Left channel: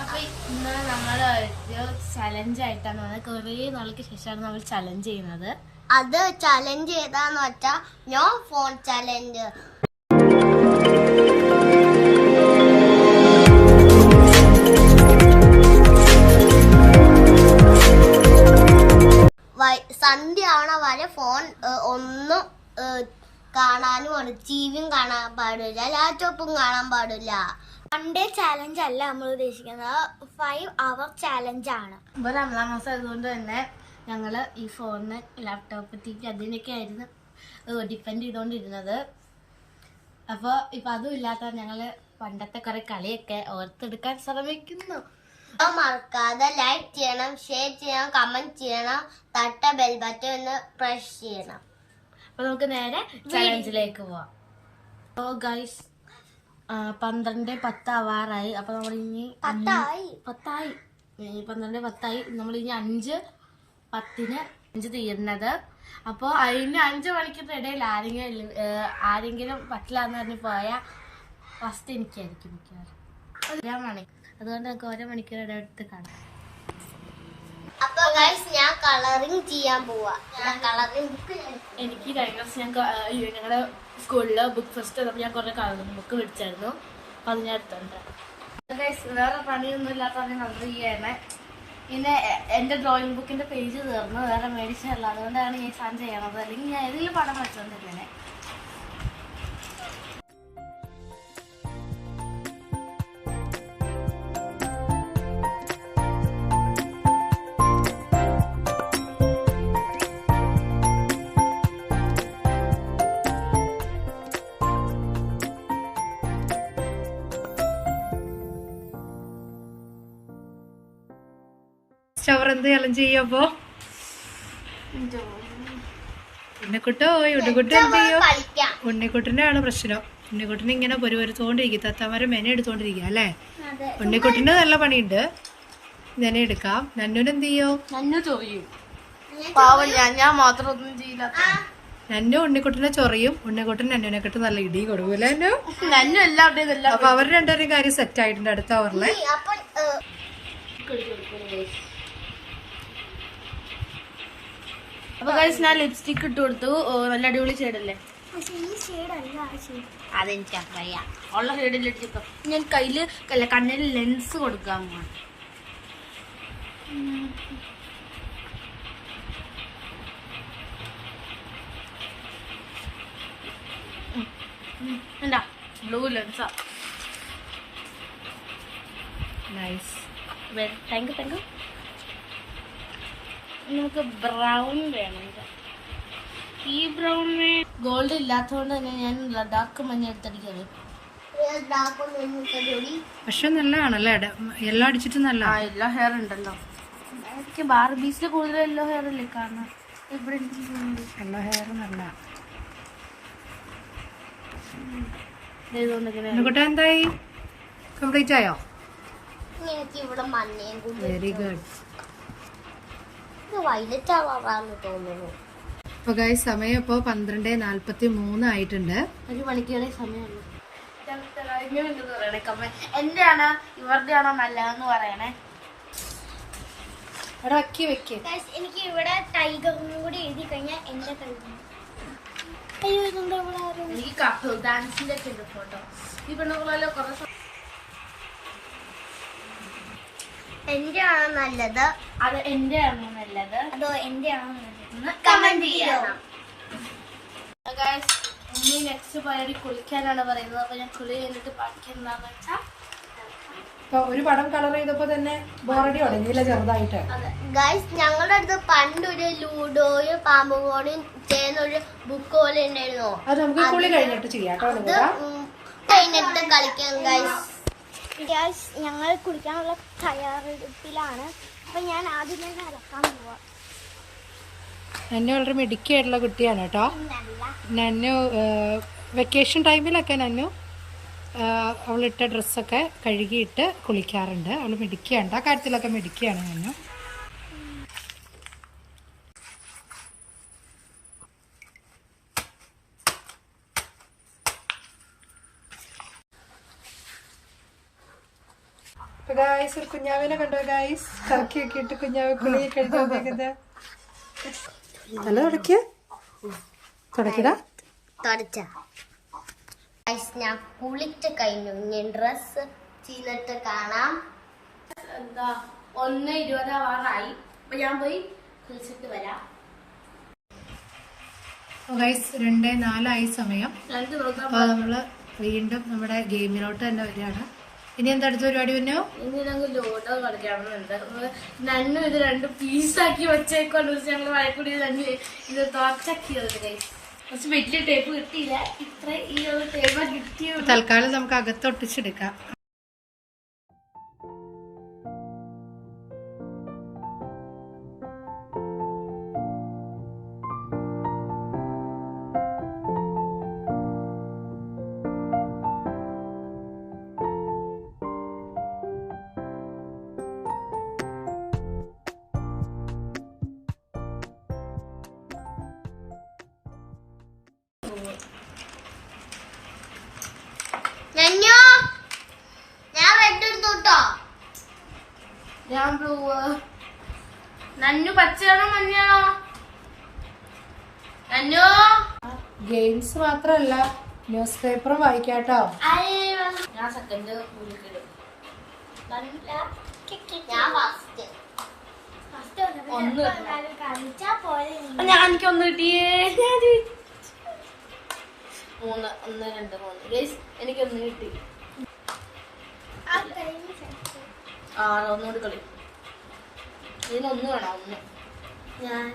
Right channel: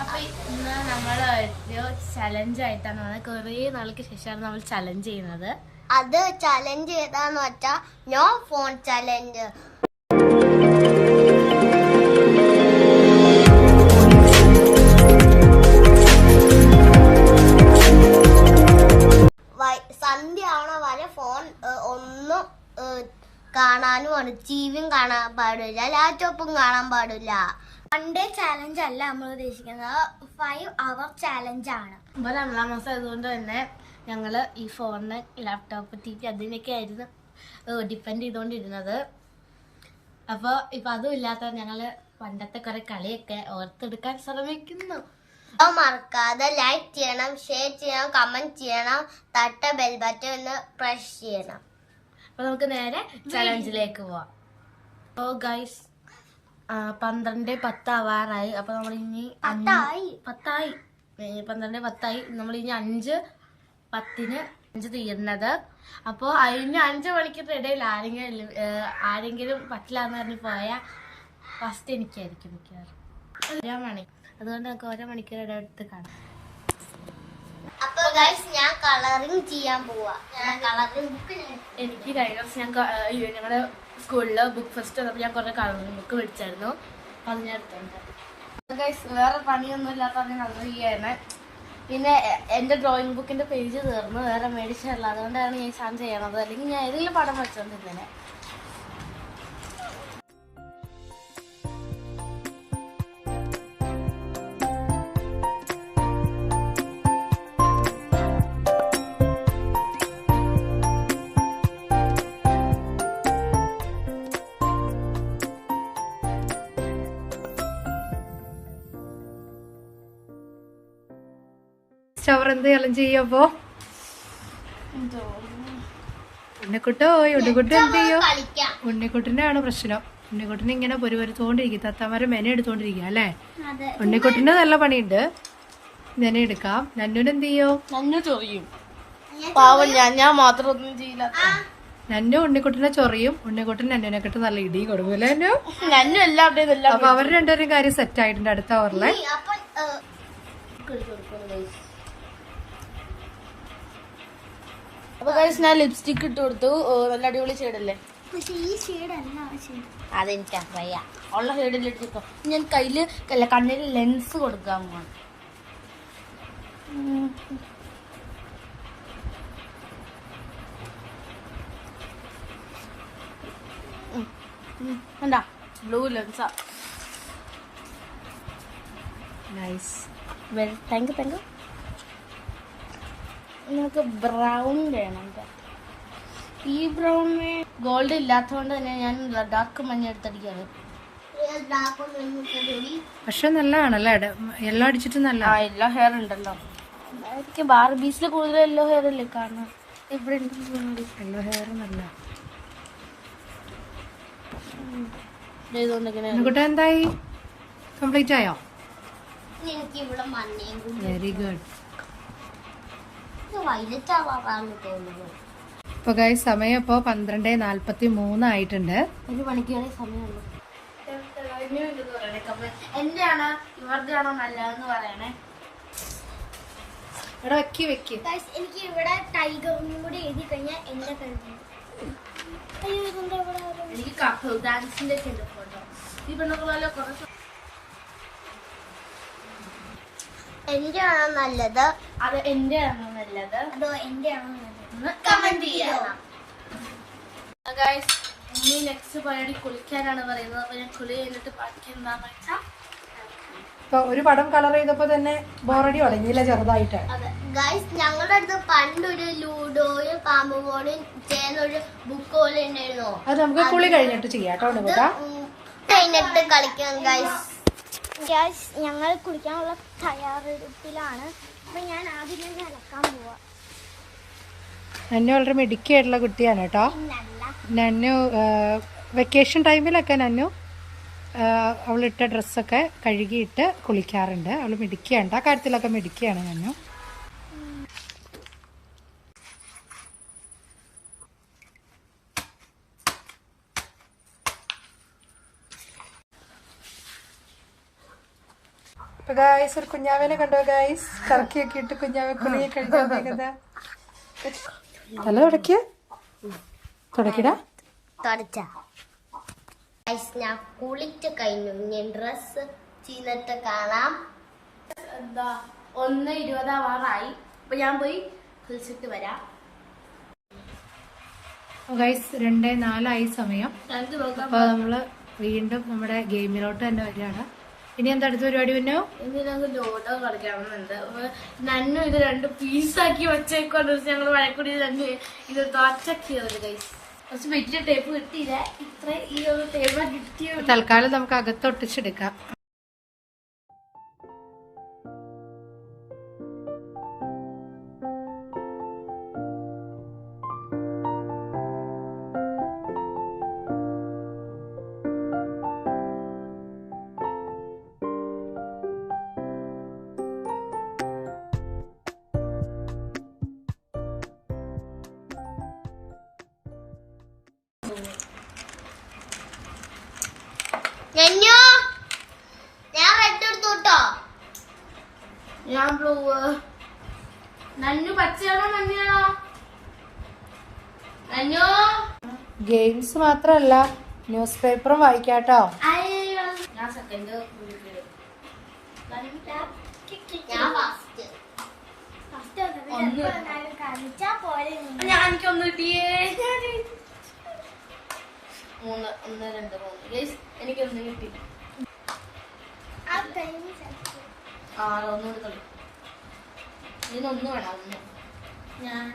അപ്പൊ ഇന്ന് നമ്മള് ഒരു ചലഞ്ച് ആയിട്ടാണ് കുറെ നാൾക്ക് ശേഷമാണ് നമ്മൾ ചലഞ്ച് ചെയ്യുന്നത്. അത് ചലഞ്ച് ചെയ്താന്ന് വെച്ചാ നോ ഫോൺ ചലഞ്ച്. സന്ധ്യ ആവണ വരെ ഫോൺ ഒന്നും കാണാനും ആണ്. ടിവിയും കാണാൻ പാടില്ല, ലാപ്ടോപ്പും കാണാൻ പാടില്ല. 1 ഡേ ചാലഞ്ച് അല്ല നമ്മൾ ഉദ്ദേശിക്കുന്നത്, 5 hour ചാലഞ്ച് ആണ്. ഇപ്പൊ രണ്ടാം മാസം ആയതുകൊണ്ട് തന്നെ ഞങ്ങള് ഈ ഫോണിന്, ലാപ്ടോപ്പ്, ടി വി അതിനൊക്കെ ആയിരുന്നു ഡിപ്പെൻഡ് ചെയ്തോണ്ടിരുന്നത്. അപ്പൊ ഇപ്പൊ അതും ഇല്ലാത്ത ഞങ്ങള് പണ്ടത്തെ കുറെ കളിയൊക്കെ ഓർത്തെടുക്കാൻ ശ്രമിക്കുന്നു. മറക്കാതെ ലൈക്ക് ചെയ്യണം, ഷെയർ ചെയ്യണം, കമന്റ് ചെയ്യണം, തട്ട ബെൽ ബട്ടൺ ഒന്ന് പ്രസ് ചെയ്യണം. അപ്പൊ നമുക്ക് നേരെ ചലഞ്ചിലേക്ക് പോവാം. ഓ ഗൈസ്, 12:10 ആവാറായി. അപ്പൊ നമ്മൾ ഇനി 12:10 നമ്മൾ ഇനി 5:10 തീരുന്നത്. അപ്പൊ അതിന് 5 മണിക്കൂർ ഇടയിൽ ആരെങ്കിലും പറ്റില്ല എന്ന് പറഞ്ഞ് പോയാൽ ഫസ്റ്റ് എനിക്കായിരിക്കും മിക്കവാറും 1 മണിക്കൂർ. അതുകൊണ്ട് നമുക്ക് 1 മണിക്കൂർ ഇടവിട്ട് കാണാം. അപ്പൊ ഗൈസ് ഞാൻ കളറിങ് ചെയ്യാൻ പോവാ. എനിക്ക് കഴിഞ്ഞ ദിവസം ഞങ്ങളുടെ സ്കൂളില് ബുക്ക് ഫെസ്റ്റ് വന്നപ്പോൾ ഞാൻ കുറെ കളറിങ് ബുക്ക് മേടിച്ചായിരുന്നു. അപ്പൊ അത് ഞാൻ എടുത്തുണ്ട്. ഗൈസ് വേറെ പണിയൊന്നും ഇല്ലാത്ത കളർ ചെയ്യാണ്. പിന്നെ എന്റെ ഡ്രോയിങ് ബുക്കിന്റെ പേജ് തീർന്നു, വേറെ മേടിച്ചതല്ല. അതുകൊണ്ടാണ് ഈ സാധനം ചെയ്യണത്. അല്ലെങ്കിൽ ഞാൻ ഏതെങ്കിലും പടം വെച്ചോണ്ടിരിക്കണേ. അവർ എന്ത് ചലഞ്ച് ചെയ്യപ്പോ ഉണ്ണിക്കുട്ടോ ഉണ്ണിക്കുട്ടി എന്ത് ചെയ്യോ? ഉണ്ണിക്കുട്ടിനാണ് പ്രശ്നം. ഉണ്ണിക്കുട്ടിന് ഇങ്ങനെ പൊരുവരുത്തോണ്ടിരിക്കും, തത്തമാരെ മെന എടുത്തോണ്ടിരിക്കുക അല്ലേ? ഉണ്ണിക്കുട്ടിന് നല്ല പണിയുണ്ട്, മെന എടുക്കാം. നന്നുന് എന്ത് ചെയ്യോ? നന്നു ഉണ്ണിക്കുട്ടിനെ ചൊറിയും, ഉണ്ണിക്കുട്ടൻ നന്നുനെക്കെട്ട് നല്ല ഇടി കൊടുക്കൂല്ലേ നന്നു? അപ്പൊ അവർ രണ്ടുപേരും കാര്യം സെറ്റ് ആയിട്ടുണ്ട് അടുത്ത ഓവറിലെ. അപ്പൊ ഞാൻ ലിപ്സ്റ്റിക് ഇട്ട് കൊടുത്തു. നല്ല അടിപൊളി ഷെയ്ഡല്ലേ? അതെനിക്കറിയാം, ഉള്ള ഷെയ്ഡിൽ ഇട്ടിപ്പോ ഞാൻ കയ്യില് കണ്ണിൽ ലെൻസ് കൊടുക്കാൻ പോവാണ്. എന്താ ബ്ലൂ ലെൻസാ. Nice, thank you. നിങ്ങൾക്ക് ബ്രൗൺ വേണം. ഈ ബ്രൗണിന് ഗോൾഡ് ഇല്ലാത്തതുകൊണ്ട് തന്നെ ഞാൻ ഡാർക്ക് മഞ്ഞ എടുത്തടിക്കാറ്. പക്ഷെ നല്ലതാണല്ലേ, യെല്ലോ അടിച്ചിട്ട് നല്ല യെല്ലോ ഹെയർ ഉണ്ടല്ലോ. എനിക്ക് ബാർബീസിൽ കൂടുതൽ യെല്ലോ ഹെയർ അല്ലേ കാണാം. ഇവിടെ യെല്ലോ ഹെയർ നല്ല. കുട്ട എന്തായി, കംപ്ലീറ്റ് ആയോ? എനിക്ക് ഇവിടെ മഞ്ഞയും വെരി ഗുഡ്. വൈലറ്റ് ആവാറാണ് തോന്നുന്നു. ഇപ്പൊ ഗൈസ് സമയം ഇപ്പൊ 12:43 ആയിട്ടുണ്ട്. 1 മണിക്കൂർ സമയമുള്ളൂ. എന്റെ ആണോ ഇവരുടെ ആണോ നല്ലതെന്ന് പറയണേ. ഇവിടെ വെക്ക്. എനിക്ക് ഇവിടെ ടൈഗറിനും കൂടി എഴുതി കഴിഞ്ഞാൽ എന്റെ കഴിയും. എനിക്ക് ഡാൻസിന്റെ ഫോട്ടോ ഈ പെണ്ണുകളെല്ലാം കുറച്ച്. എന്റെ ആണോ നല്ലത്? അത് എന്റെ ആണോ നല്ലത്? അതോ എന്റെ ആണോ നല്ലത്? കമന്റ് ചെയ്യണം. ഇനി നെക്സ്റ്റ് പരിപാടി കുളിക്കാനാണ് പറയുന്നത്. അപ്പൊ ഞാൻ കുളി കഴിഞ്ഞിട്ട് ബാക്കി എന്താന്ന് വെച്ചാ ഇപ്പൊ ഒരു പടം കളർ ചെയ്തപ്പോ തന്നെ ബോറടി തുടങ്ങിയില്ല ചെറുതായിട്ട്. ഗൈസ് ഞങ്ങളുടെ അടുത്ത് പണ്ടൊരു ലൂഡോയും പാമ്പ് പോലും ചെയ്യുന്ന ഒരു ബുക്ക് പോലെ ഉണ്ടായിരുന്നോ? അത് നമുക്ക് കുളി കഴിഞ്ഞിട്ട് ചെയ്യാം കേട്ടോ. കഴിഞ്ഞിട്ട് കളിക്കാം ഗൈസ്. ഞങ്ങൾ കുളിക്കാനുള്ള തയ്യാറെടുപ്പിലാണ്. അപ്പൊ ഞാൻ ആദ്യം തന്നെ ഇളക്കാൻ പോവാ. നന്നു വളരെ മിടുക്കിയായിട്ടുള്ള കുട്ടിയാണ് കേട്ടോ. നന്നു വെക്കേഷൻ ടൈമിലൊക്കെ നന്നു അവളിട്ട ഡ്രസ്സൊക്കെ കഴുകിയിട്ട് കുളിക്കാറുണ്ട്. അവള് മിടുക്കിയാണ് ആ കാര്യത്തിലൊക്കെ, മിടുക്കിയാണ് നന്നു. അപ്പൊ ഗായ്സ് ഒരു കുഞ്ഞാവേനെ കണ്ടോ ഗായ്സ്? കറക്കിയൊക്കെ ഇട്ട് കുഞ്ഞാവെ കുളിയെ കഴിഞ്ഞാ തല തുടക്കിയ തുടക്കിടാ തുടച്ച ഞാൻ കുളിച്ച് കഴിഞ്ഞു. ഞാൻ ഡ്രസ് ചെയ്തിട്ട് കാണാം. എന്താ 1:20 ആവാറായി. അപ്പൊ ഞാൻ പോയി കുളിച്ചിട്ട് വരാം. ഗൈസ് 2:04 സമയം. രണ്ട് നോക്കാം. അപ്പൊ നമ്മള് വീണ്ടും നമ്മുടെ ഗെയിമിലോട്ട് തന്നെ വരികയാണ്. ഇനി എന്താ അടുത്ത പരിപാടി പിന്നോ? ഇനി ഞങ്ങൾ ലോഡോ കളിക്കണമെന്നുണ്ട്. നന്നു ഇത് 2 പീസാക്കി വെച്ചേക്കൊണ്ട് ഞങ്ങൾ വഴക്കൂടി തന്നെ ഇത് തോറ്റാക്കിയത് ഗൈസ്. കുറച്ച് വലിയ ടേപ്പ് കിട്ടിയില്ല. ഇത്ര ഈ ഒരു ടേപ്പ് കിട്ടിയ തൽക്കാലം നമുക്ക് അകത്തൊട്ടിച്ചെടുക്കാം. നന്യോ, ഞാൻ റെഡ് എടുത്തോട്ടോ. ഞാൻ ബ്ലൂ. നന്നു പച്ചയാണോ മഞ്ഞയാണോ? നന്നു ഗെയിംസ് മാത്രല്ല ന്യൂസ് പേപ്പറും വായിക്കാട്ടോ. ഞാൻ സെക്കൻഡ്. ഞാൻ ഫസ്റ്റ്. എനിക്കൊന്ന് കിട്ടിയേ. 3 1 2 3 ഗൈസ് എനിക്കൊന്ന് കിട്ടി. ഒന്നുകൂടി കളി. ഇതിനൊന്ന് വേണം. 1 ഞാൻ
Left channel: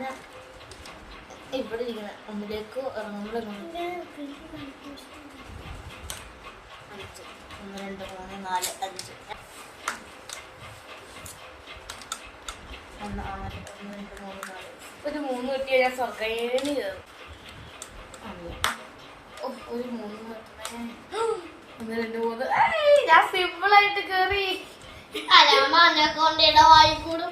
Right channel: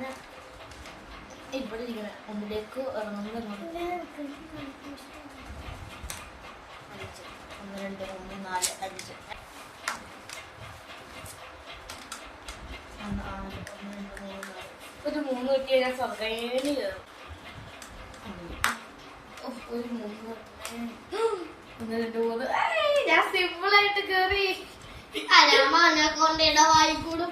ഇവിടെ ഇരിക്കണം. 1ലേക്ക് ഇറങ്ങുമ്പോൾ 5 1 2 3 4 5 ഒരു 3 കിട്ടിയ ഞാൻ സ്വർഗേനി കയറും. ഒരു 3 1 2 3 ഞാൻ സിമ്പിൾ ആയിട്ട് കേറി. അലാമനെ കൊണ്ടിട വായിക്കൂട്.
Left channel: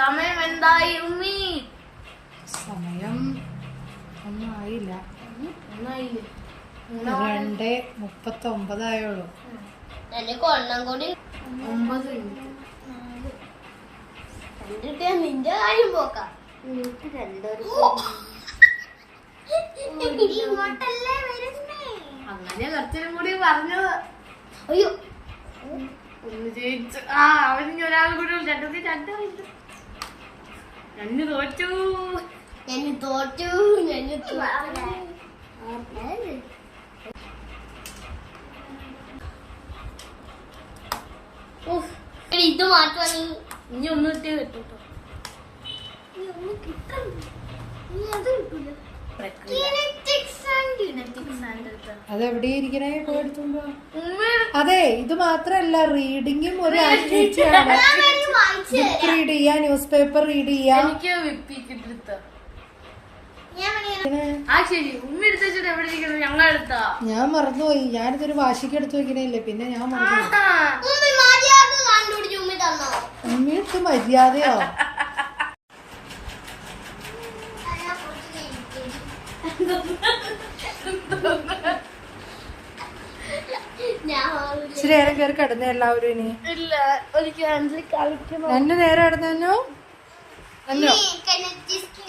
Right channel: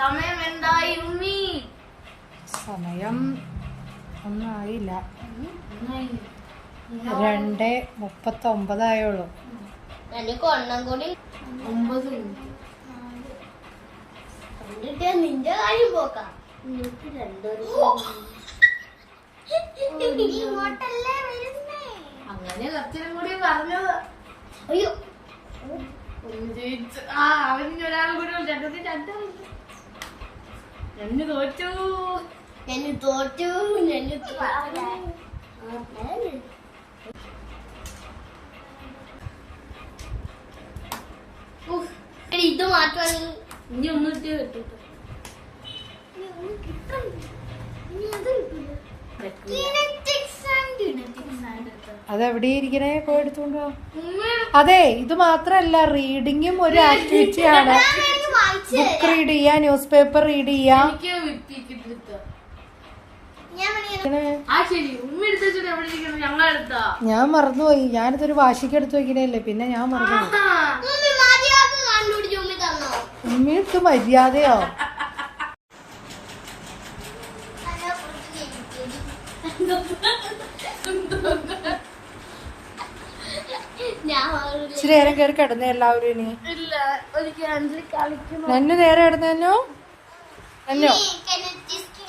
സമയം എന്തായി ഉമ്മി? സമയം ഒന്നും ആയില്ല. ഒന്നായി. 2:39 ആയുള്ളൂ. എനിക്ക് ഒന്നും കൂടി 9 മിനിറ്റ്. കണ്ടിട്ട് നിന്റെ കാര്യം പോക്കാം. ഇങ്ങോട്ടല്ലേ വരുന്നേ. അങ്ങനെ കുറച്ചിനും കൂടി പറഞ്ഞത്. അയ്യോ, ഒന്ന് ജയിച്ചു. അവന് ഒരാൾ കൂടെ 2 തോറ്റു. ഞാൻ തോറ്റു. ഇത് മാറ്റാ. നീ ഇനി ഒന്ന് കിട്ടി കിട്ടും. അതെവിടെ ഇരിക്കണേ? പോയി എടുത്തോണ്ട് വാ. അതെ, ഇത് മാത്രല്ല റീഡിങ്ങും ഒരു ആക്ടിവിറ്റി ആണ്. ബുക്ക് റീഡ് ചെയ്യാ, ന്യൂസ് പേപ്പർ റീഡ് ചെയ്യാ. എനിക്ക് വിപ്പിക്കിട്ട് ആ ശരി. ഉമ്മ എടുത്ത് വെച്ചിട്ട് എവിടെ ഇരിക്കുന്നത്? ഞങ്ങൾ എടുത്താ. ഞാൻ മറന്നുപോയി. ഞാനിതൊരു വാശിക്ക് എടുത്ത് വെക്കണല്ലേ, പിന്നെ ഞാൻ മറന്നുപോയി. ഉമ്മിട്ട് മര്യാദയോ? ഇച്ചിരി നേരം കയറി കിടന്നേ എല്ലാവരും. ഇനി ഇല്ല, ഒരിക്കലും കളിക്കുന്നു. നന്നു നേരെ കിടന്നു. നന്നോ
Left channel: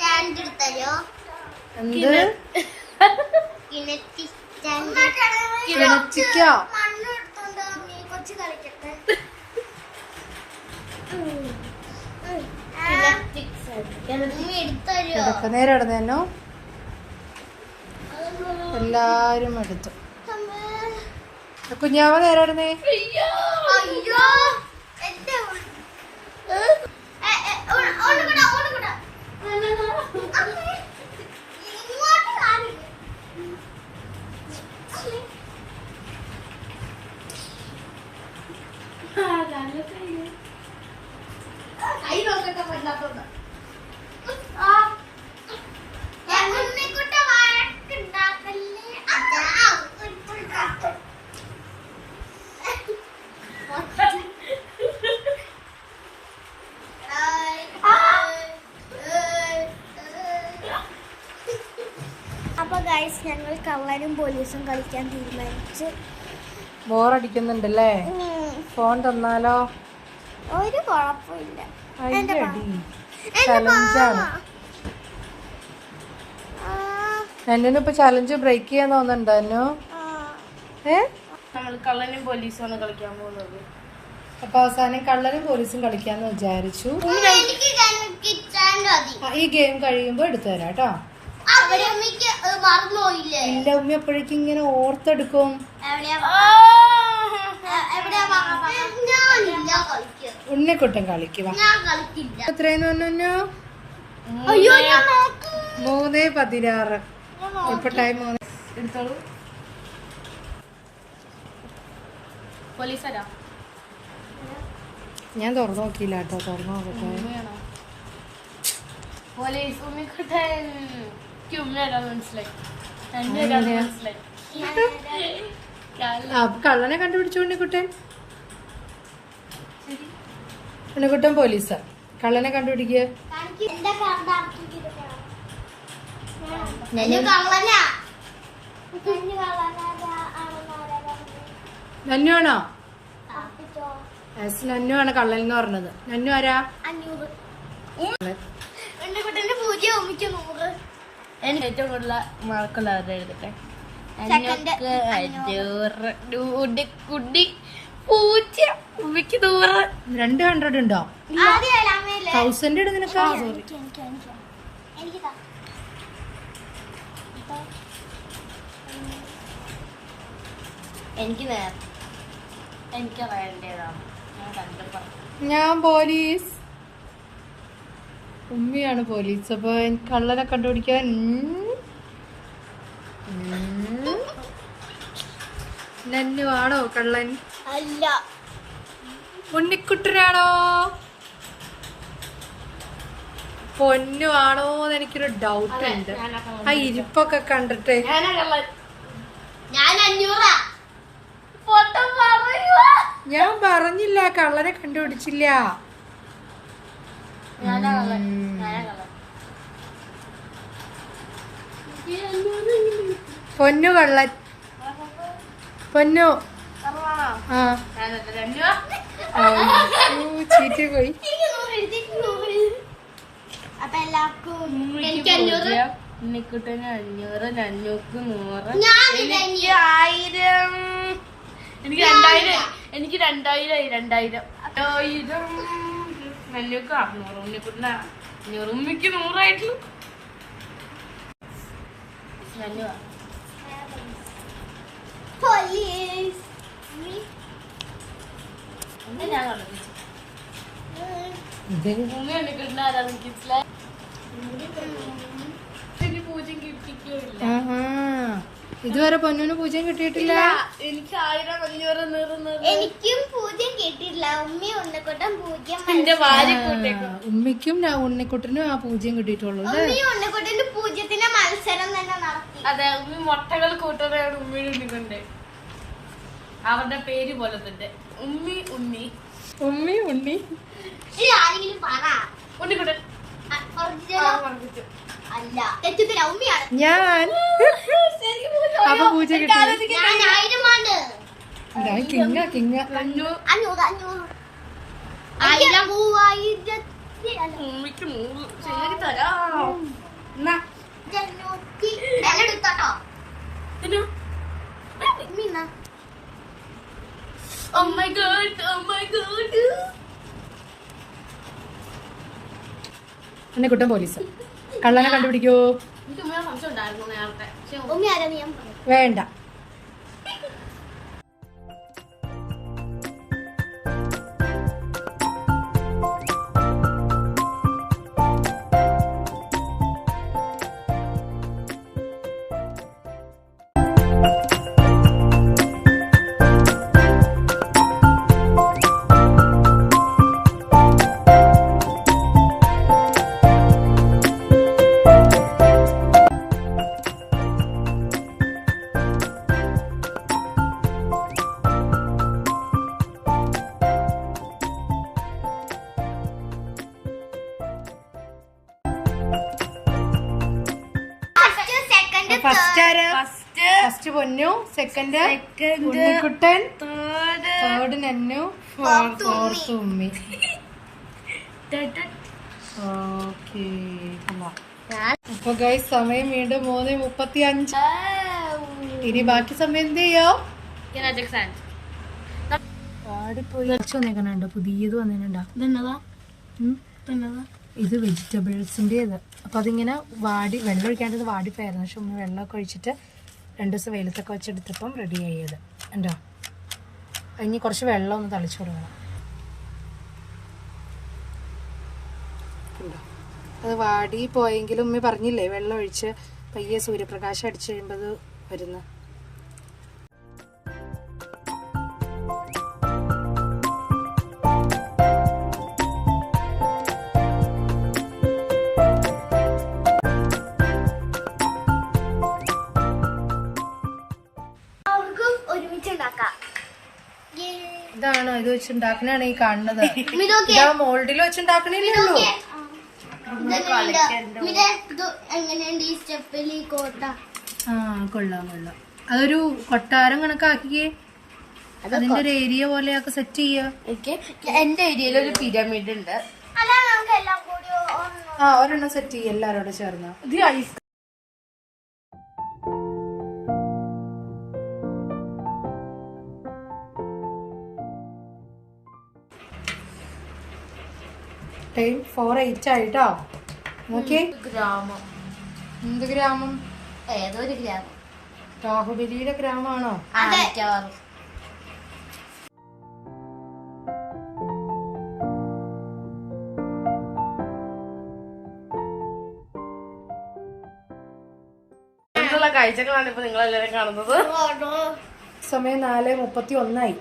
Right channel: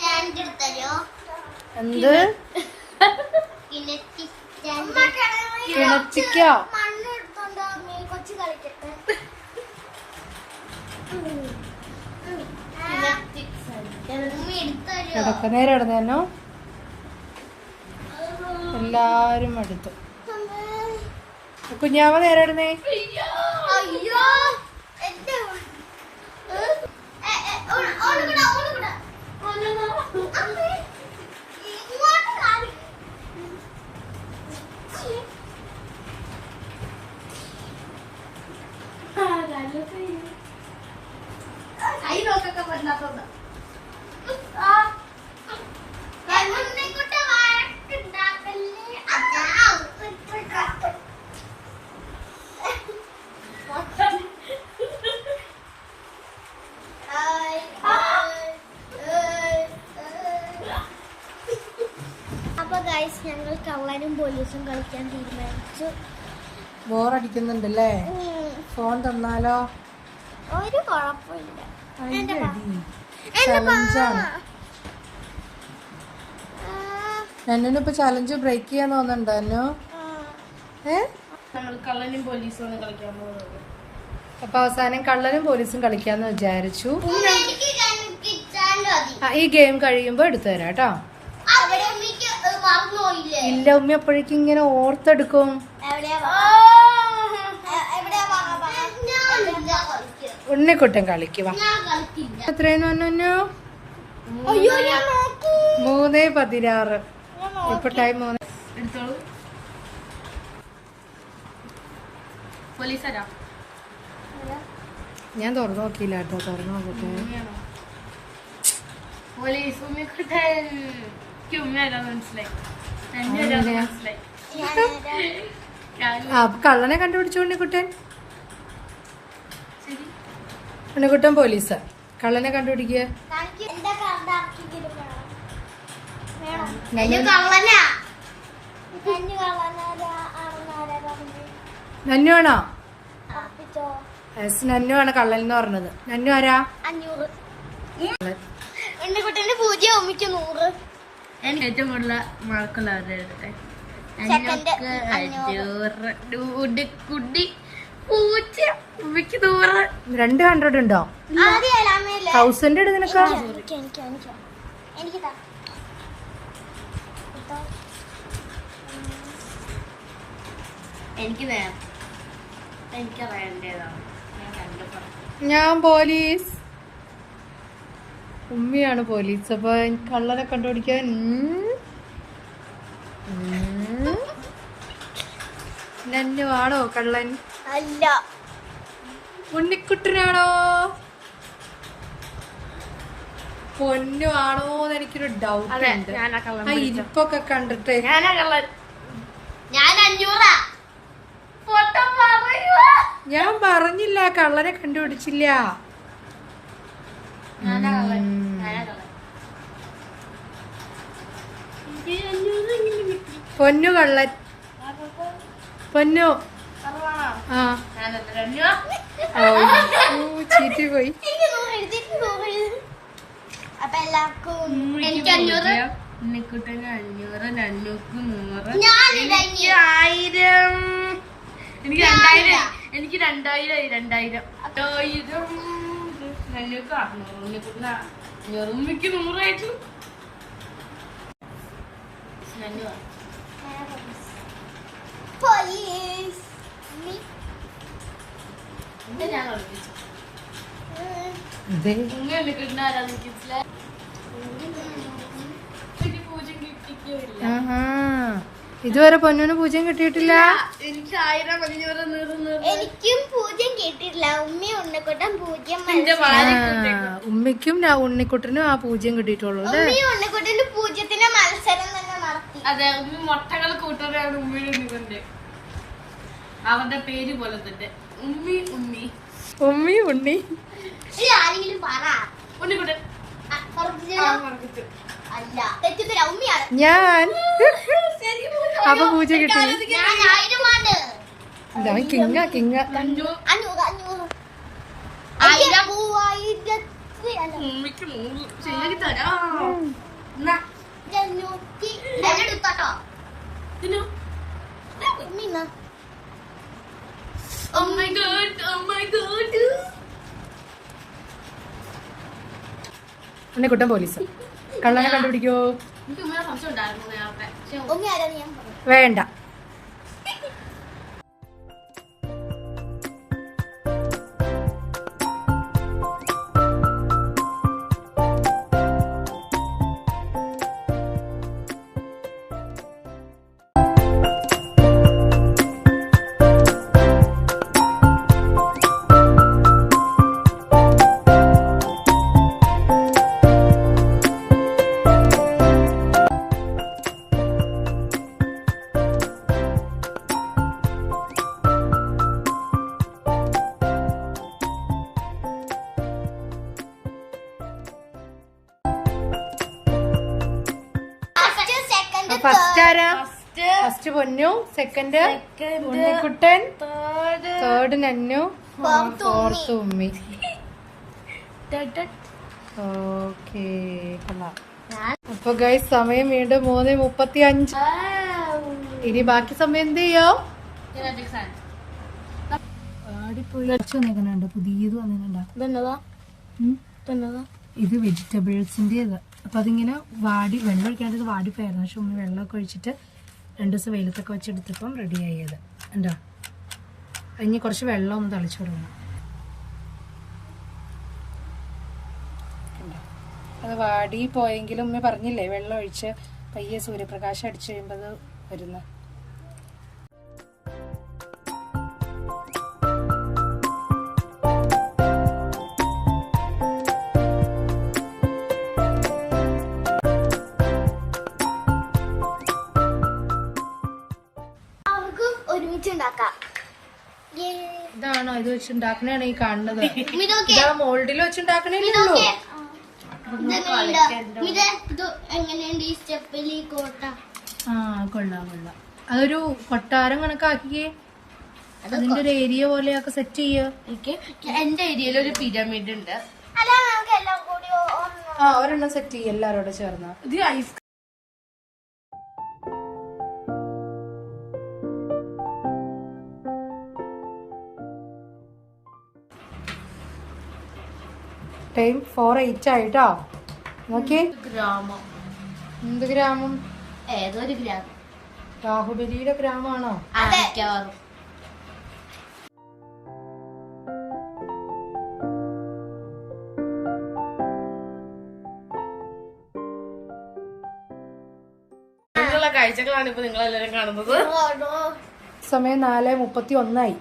സ്റ്റാൻഡ് എടുത്തരോ? എന്ത് കിണറ്റി സ്റ്റാൻഡ്. കിണറ്റിക്കോ? മണ്ണ് എടുത്തോണ്ട് നീ കൊച്ചു കളിക്കട്ടെ. നീ എടുത്തരോ? കിടക്ക നേരം ഇടന്നോ എല്ലാരും എടുത്തു. കുഞ്ഞാവ നേരം ഇടുന്നേ. അയ്യോ എന്റെ ഓടുകൂടാ ഓടുകൂടാ. ഇങ്ങോട്ട് കാണില്ല. ഉണ്ണിക്കുട്ട വഴക്കുണ്ടാക്കല്ലേ. അപ്പൊ ഗൈസ് ഞങ്ങൾ കള്ളനും പോലീസും കളിക്കാൻ തീരുമാനിച്ചു. ബോറടിക്കുന്നുണ്ടല്ലേ? ഫോൺ തന്നാലോ? ഒരു കുഴപ്പമില്ല. എന്റെ ചലഞ്ചാണ്. എന്നിപ്പോ ചലഞ്ച് ബ്രേക്ക് ചെയ്യാൻ തോന്നുന്നുണ്ടോ? ഞങ്ങൾ കള്ളനും പോലീസുമാണ് കളിക്കാൻ പോകുന്നത്. അപ്പൊ അവസാനം കള്ളനും പോലീസും കളിക്കാന്ന് വിചാരിച്ചു. ഈ ഗെയിം കഴിയുമ്പോ എടുത്തു തരാം കേട്ടോ. ഇല്ല, ഉമ്മ അപ്പോഴേക്കും ഇങ്ങനെ ഓർത്തെടുക്കും. ഉണ്ണിക്കുട്ടൻ കളിക്കുക. എത്രയെന്ന് പറഞ്ഞു? 3:16. ഇപ്പൊ ടൈം 3. എടുത്തോളൂ. പോലീസാരാ? ഞാൻ തുറന്നു നോക്കിയില്ല കേട്ടോ. തുറന്നു നോക്കട്ടെ. പോലീസ് ഉണ്ണിക്കുട്ടൻ. ഉമ്മയാ മനസ്സിലായി. മനസ്സിലായി. അപ്പൊ കള്ളനെ കണ്ടുപിടിച്ചു ഉണ്ണിക്കുട്ടൻ. ഉണ്ണിക്കുട്ടൻ പോലീസ്. കള്ളനെ കണ്ടുപിടിക്കുക. നന്നുവാണോ? നന്നുവാണ് കള്ളൻ എന്ന് പറഞ്ഞത്. നന്നു ആരാ? 500. എനിക്ക് ഏറ്റവും കൂടുതൽ മാർക്കുള്ള എഴുതട്ടെ. കുട്ടി 200 ഉണ്ടോ? 1000 ഇട് നിനക്ക്. എനിക്ക് നേരം എനിക്ക് അറിയേണ്ടതാണ്. ഞാൻ പോലീസ്. ഉമ്മയാണ് പോലീസ്. അപ്പൊ കള്ളനെ കണ്ടുപിടിക്കാൻ നന്നുവാണോ കള്ളൻ? അല്ല, ഉണ്ണിക്കുട്ടനാണോ? പൊന്നു ആണോന്ന് എനിക്കൊരു ഡൗട്ട് ഉണ്ട്. ആ ഇരിപ്പൊക്കെ കണ്ടിട്ട് ഞാനാ കള്ളൻ. ഞാൻ 500. ഞാൻ പറഞ്ഞില്ല കള്ളനെ കണ്ടുപിടിച്ചില്ല. ഞാനാ കള്ളൻ. ഞാനാ കള്ളൻ. പൊന്നു കള്ളൻ. പൊന്നു. ആ ചീറ്റി പോയി. അപ്പൊ എല്ലാവർക്കും എനിക്ക് 500. ഉണ്ണിക്കുട്ടന് 500, നന്നുക്ക് 100, ഞാനില്ല, എനിക്ക് 1000, എനിക്ക് 2000, എനിക്ക് 2000, നല്ലുക്ക് 600, ഉണ്ണിക്കുട്ടന് 500, ഉമ്മിക്ക് 100 ആയിട്ട്. പോലീസ്. ഞാൻ കളിപ്പിച്ചു. ഉമ്മ ഉണ്ണിക്കുട്ടനെ ആരാധിക്കില്ല. പൂജ്യം കിട്ടിയില്ല. ഇതുവരെ പൊന്നൂന് പൂജ്യം കിട്ടിയിട്ടില്ല. എനിക്ക് 1000, 500, 100. എനിക്കും 0 കിട്ടിയിട്ടില്ല. ഉമ്മയും ഉണ്ണിക്കുട്ടൻ 0. എന്റെ വാരി ഉമ്മയ്ക്കും ഉണ്ണിക്കുട്ടനും ആ പൂജ്യം കിട്ടിയിട്ടുള്ളൂ അല്ലേ? ഉമ്മയും ഉണ്ണിക്കുട്ടന്റെ 0ത്തിന് മത്സരം തന്നെ നടത്തി. അതെ, മുട്ടകൾ കൂട്ടുകയാണ് ഉമ്മിയുടെ ഉണ്ണിക്കൊണ്ട്. അവരുടെ പേര് പോലെ തന്നെ ഉമ്മി ഉമ്മി ഉമ്മി ഉണ്ണി. ആരെങ്കിലും പറ. ഉണ്ണിക്കുട്ടൻ അല്ല, തെറ്റുത്തരാ. ഉമ്മിയാണ്. ഞാൻ. അപ്പൊ പൂജ്യം കിട്ടി. ഞാൻ 1000 ആണ്. കിങ്ങ കിങ്ങ. 500. 1000, 3000. ഉമ്മിക്ക് 100 ശരി തരാം. ഉണ്ണിക്കുട്ടൻ പോലീസ്. കള്ളനെ കണ്ടുപിടിക്കോ? എനിക്ക് ഇങ്ങനെ സംശയം ഉണ്ടായിരുന്നു നേരത്തെ. ഉമ്മി ആരാന്ന് ഞാൻ പറയാം. വേണ്ട. ഫസ്റ്റ് ആരാ? ഫസ്റ്റ് പൊന്നു, സെക്കൻഡ് ഉണ്ണിക്കുട്ടൻ, തേർഡ് നന്നു, ഫോർത്ത് ഉമ്മി. ഓക്കേ. അപ്പൊ ഗൈസ് സമയം വീണ്ടും 3:35. ഇനി ബാക്കി സമയം എന്ത് ചെയ്യാം? വാടിപ്പോയി വന്നേക്കണുണ്ടോ? പുതിയത് വന്നേക്കണ്ടോ? ഇത് വെജിറ്റബിൾസിന്റെ. അപ്പൊ അതിങ്ങനെ വെള്ളം ഒഴിക്കാണ്ടത് വാടിപ്പോയായിരുന്നു. പക്ഷെ ഉമ്മ വെള്ളമൊക്കെ ഒഴിച്ചിട്ട് 2 ദിവസം വെയിലത്തൊക്കെ വെച്ചെടുത്തപ്പം റെഡിയായി അത്. ഉണ്ടോ? ഇനി കുറച്ച് വെള്ളം ഒന്ന് തളിച്ചു കൊടുക്കണം. അത് വാടി പോയെങ്കിലും ഉമ്മ പറഞ്ഞില്ലേ വെള്ളം ഒഴിച്ച് പയ്യെ സൂര്യപ്രകാശം അടിച്ചു കഴിയുമ്പോൾ അത് വരുന്ന. ഇതാണോ ഇത് വെച്ചുണ്ടാക്കണാണ് ഈ കാണുന്നത്? ഇതാ മോൾഡിൽ വെച്ചുണ്ടാക്കണേല്ലോ. എങ്ങനെയുണ്ട് ഈ സ്റ്റെപ്പിൽ ഈ കോട്ട? ആ കൊള്ളാം കൊള്ളാം. അതൊരു കൊട്ടാരം കണക്കാക്കിയേ. അതിന്റെ ഒരു ഏരിയ പോലെയൊക്കെ സെറ്റ് ചെയ്യ. എനിക്ക് എന്റെ ഏരിയയിൽ ഒരു പിരമിഡ് ഉണ്ട്. അല്ല നമുക്ക് എല്ലാം കൂടി ആ ഒരെണ്ണം സെറ്റ് ചെയ്യ എല്ലാരോടെ ചേർന്ന. ഇത് ഐസ് ടൈം 4:08 ആയിട്ടോ. നോക്കിയേ. ഗ്രാമം. എന്ത് ഗ്രാമം? ഏതൊരു ഗ്രാമം. രാഹുബലിയുടെ ഗ്രാമമാണോ? മിക്കവാറും. കാഴ്ചകളാണ് ഇപ്പൊ നിങ്ങൾ എല്ലാവരും കാണുന്നത്. സമയം 4:31.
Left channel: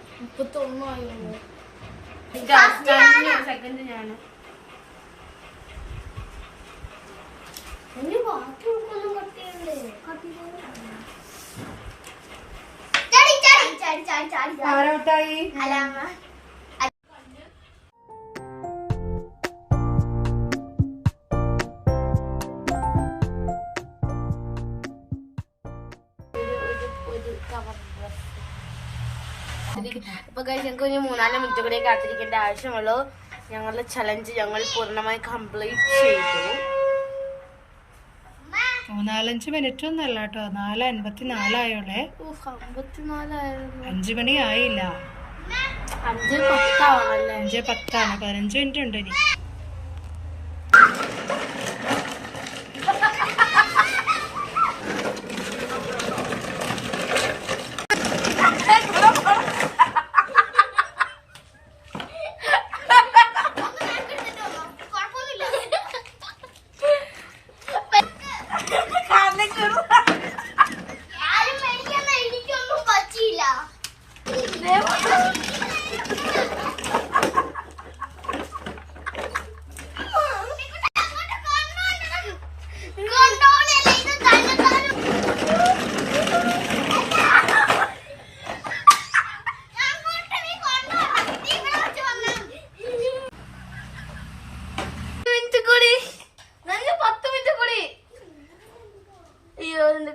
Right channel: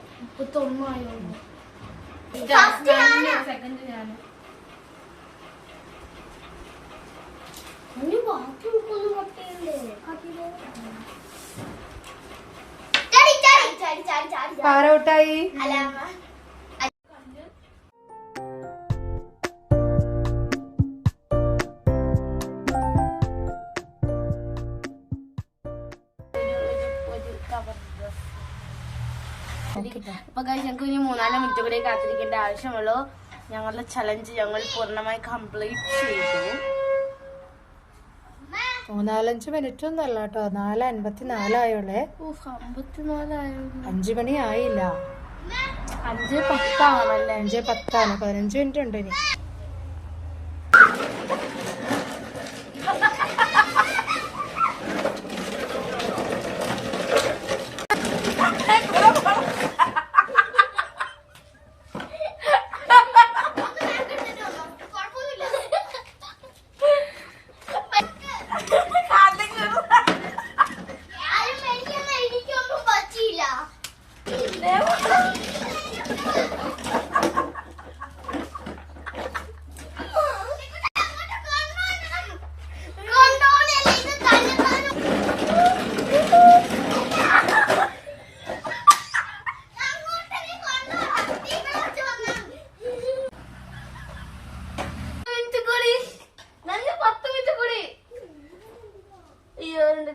സെക്കൻഡ് ഞാന്. ആരൗട്ടായി? അപ്പൊ ഞങ്ങൾക്ക് ഇനി 3-4 മിനിറ്റ് കൂടി കാത്തിരിക്കേണ്ട ആവശ്യമുള്ളൂ. ഞങ്ങളുടെ ചലഞ്ച് ഞങ്ങൾ പൂർണ്ണമായി കംപ്ലീറ്റ് ചെയ്തു. 4-5 മിനിറ്റ് ഒന്നും അല്ല കേട്ടോ. 4:54 ആയോളെ. 5 മണി ആയില്ല. 5:10 ആവണല്ലേ? 5:10 ആണ്. 15 മിനിറ്റ് ഉണ്ട് ഇനി.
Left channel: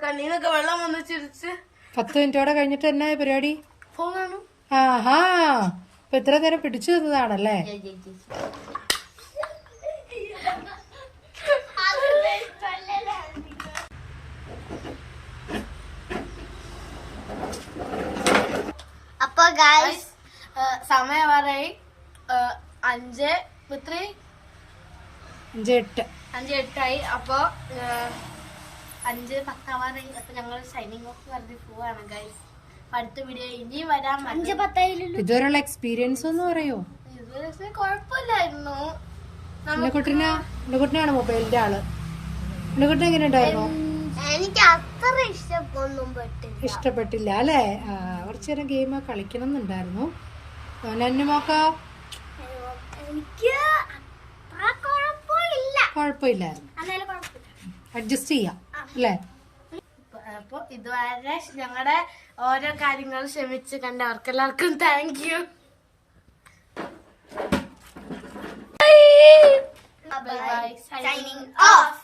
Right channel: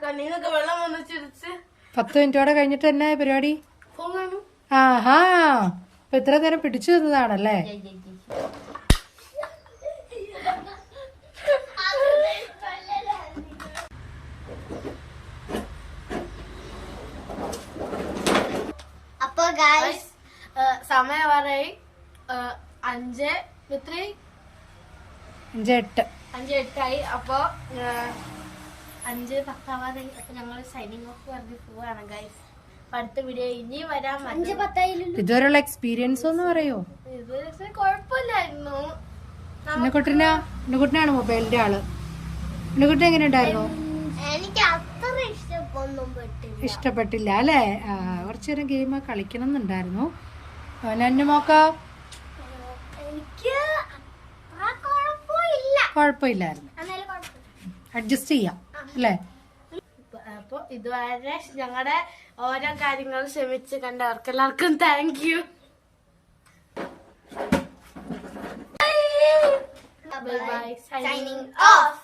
കണ്ണീന്നൊക്കെ വെള്ളം വന്ന് ചിരിച്ച് 10 മിനിറ്റോടെ കഴിഞ്ഞിട്ട് എന്നാ പരിപാടി? ഫോണാണ്. ആഹാ, ഇപ്പൊ ഇത്ര നേരം പിടിച്ചു നിന്നതാണല്ലേ? അപ്പൊ ഗൈസ് സമയം വരെ 5 എത്രയായി? 5:08. 5:08 അപ്പൊ 5:10 അപ്പൊ ഞങ്ങൾ സൈനിങ് ഓഫ് പറഞ്ഞ് പോവാണ് ഗൈസ്. അടുത്ത വീഡിയോ ഇനി വരാൻ 5:10 ഇതുവരെയുള്ള എക്സ്പീരിയൻസ് ഒന്ന് പറയോ? ഇത് കുഴപ്പമില്ലായിരുന്നു. ഉണ്ണിക്കുട്ടനാണ് മൊബൈലിന്റെ ആള്. ഉണ്ണിക്കുട്ടൻ എങ്ങനെ ഉണ്ടായിരുന്നു? എനിക്ക് അത്ര ഇഷ്ടപ്പെട്ടില്ല അല്ലേ? കുറച്ചു നേരം ഗെയിം കളിക്കണം എന്നുണ്ടായിരുന്നു. നന്നുമോക്ക എനിക്ക് കുഴപ്പമില്ലായിരുന്നു. അഡ്ജസ്റ്റ് ചെയ്യാം അല്ലേ? അപ്പൊ ഇതുവരെ ഞങ്ങളുടെ ഓരോ കാര്യങ്ങൾ ക്ഷമിച്ച് കണ്ടവർക്ക് എല്ലാവർക്കും thank you. Bye. Signing off.